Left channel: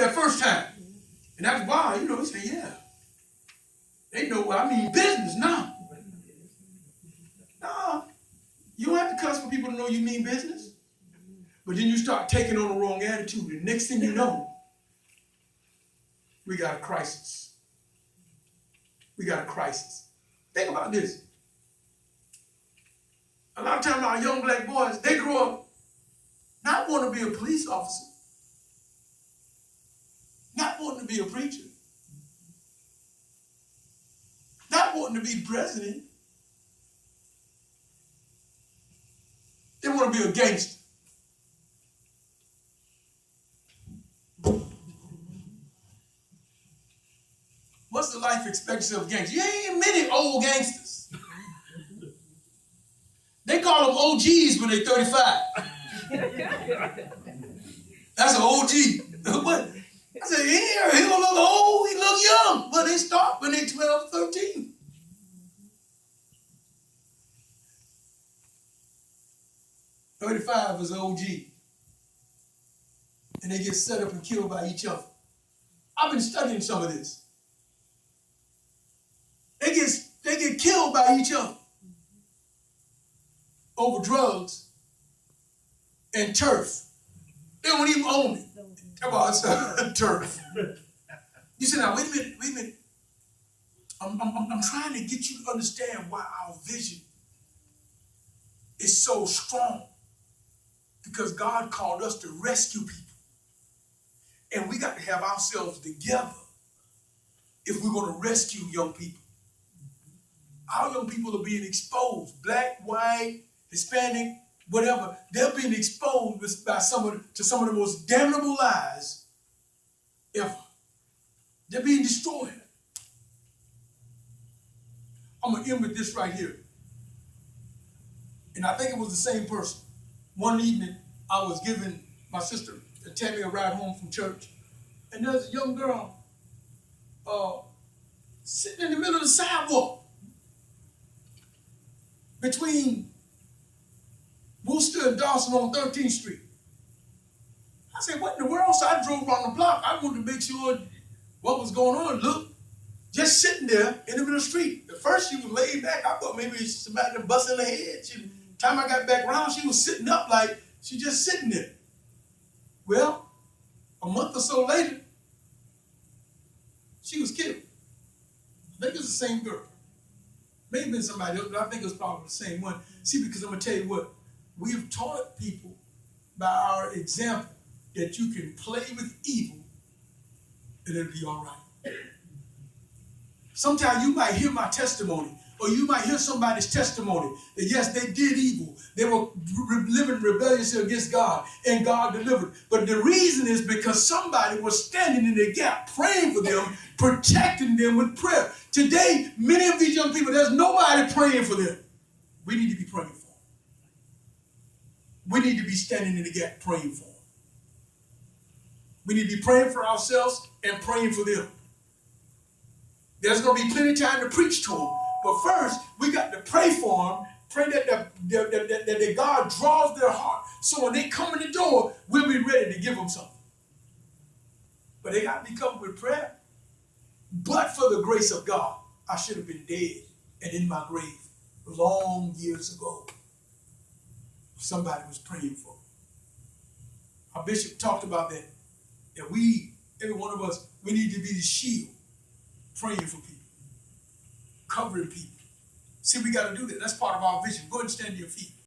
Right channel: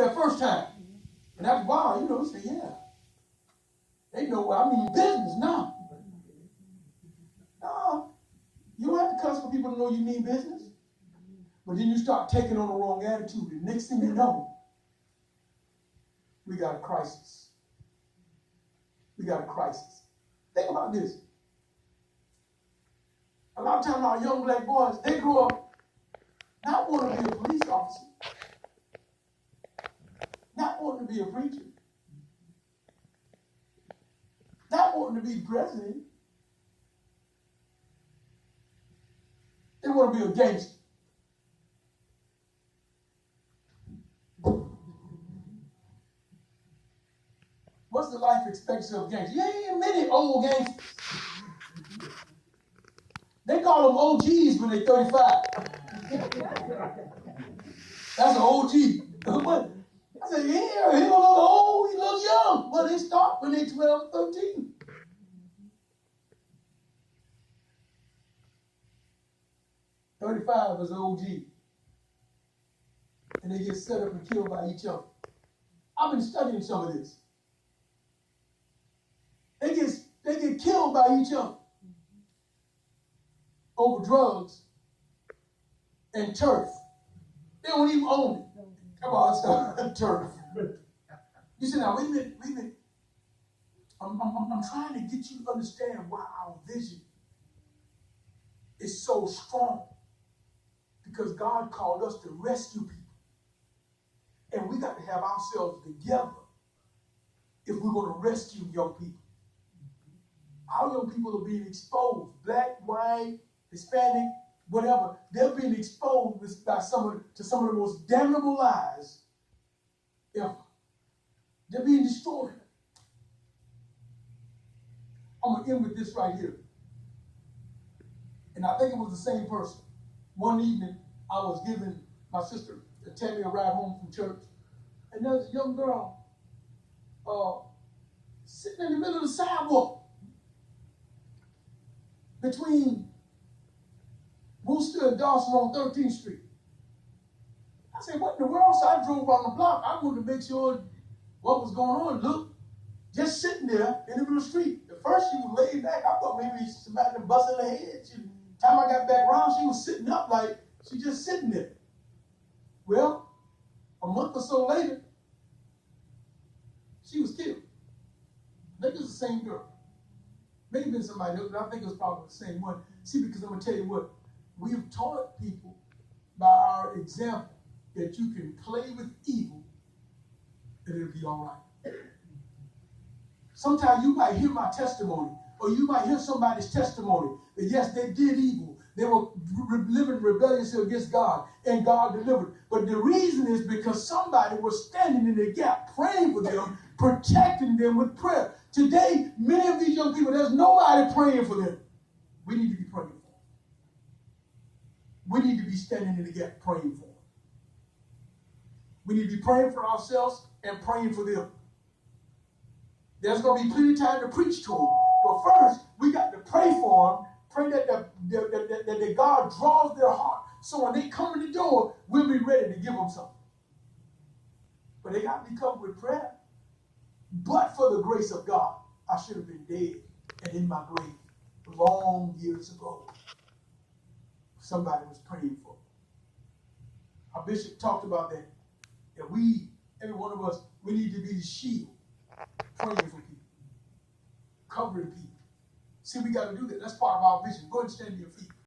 that first time. And after a while, he said, yeah. They know what I mean business now. No, you don't have to cuss for people to know you mean business. But then you start taking on the wrong attitude. And next thing you know, we got a crisis. We got a crisis. Think about this. A lot of times our young black boys, they grow up not wanting to be a police officer, not wanting to be a preacher, not wanting to be president. They want to be a gangster. What's the life expectancy of gangsters? You ain't many old gangsters. They call them OGs when they're 35. That's an OG. But I said, yeah, he don't look old, he look young. But they start when they're 12, 13. "35 is an OG. And they get set up and killed by each other. I've been studying some of this. They get killed by each other over drugs and turf. They don't even own it. Come on, son, turf. You say, now, wait a minute. I'm trying to get you to understand why our vision is so strong. Because God called us to rescue people. And we got to have ourselves together if we're going to rescue young people. Our young people are being exposed. Black, white, Hispanic, whatever. They're being exposed to some of the most damnable lies ever. They're being destroyed. I'm going to end with this right here. And I think it was the same person. One evening, I was giving my sister Tammy a ride home from church. And there's a young girl sitting in the middle of the sidewalk between Worcester and Dawson on 13th Street. I said, what in the world? So I drove around the block. I wanted to make sure what was going on. Look, just sitting there in the middle of the street. At first, she was laid back. I thought maybe somebody had busted her head. Time I got back around, she was sitting up like she just sitting there. Well, a month or so later, she was killed. I think it was the same girl. Maybe been somebody else, but I think it was probably the same one. See, because I'm going to tell you what, we have taught people by our example that you can play with evil and it'll be all right. Sometimes you might hear my testimony, or you might hear somebody's testimony that yes, they did evil. They were living rebelliously against God, and God delivered. But the reason is because somebody was standing in the gap, praying for them, protecting them with prayer. Today, many of these young people, there's nobody praying for them. We need to be praying for them. We need to be standing in the gap, praying for them. We need to be praying for ourselves and praying for them. There's going to be plenty of time to preach to them. But first, we got to pray for them, pray that God draws their heart. So when they come in the door, we'll be ready to give them something. But they got to be covered with prayer. But for the grace of God, I should have been dead and in my grave long years ago. Somebody was praying for me. Our bishop talked about that. That we, every one of us, we need to be the shield, praying for people, covering people. See, we got to do that. That's part of our vision. Go ahead and stand to your feet.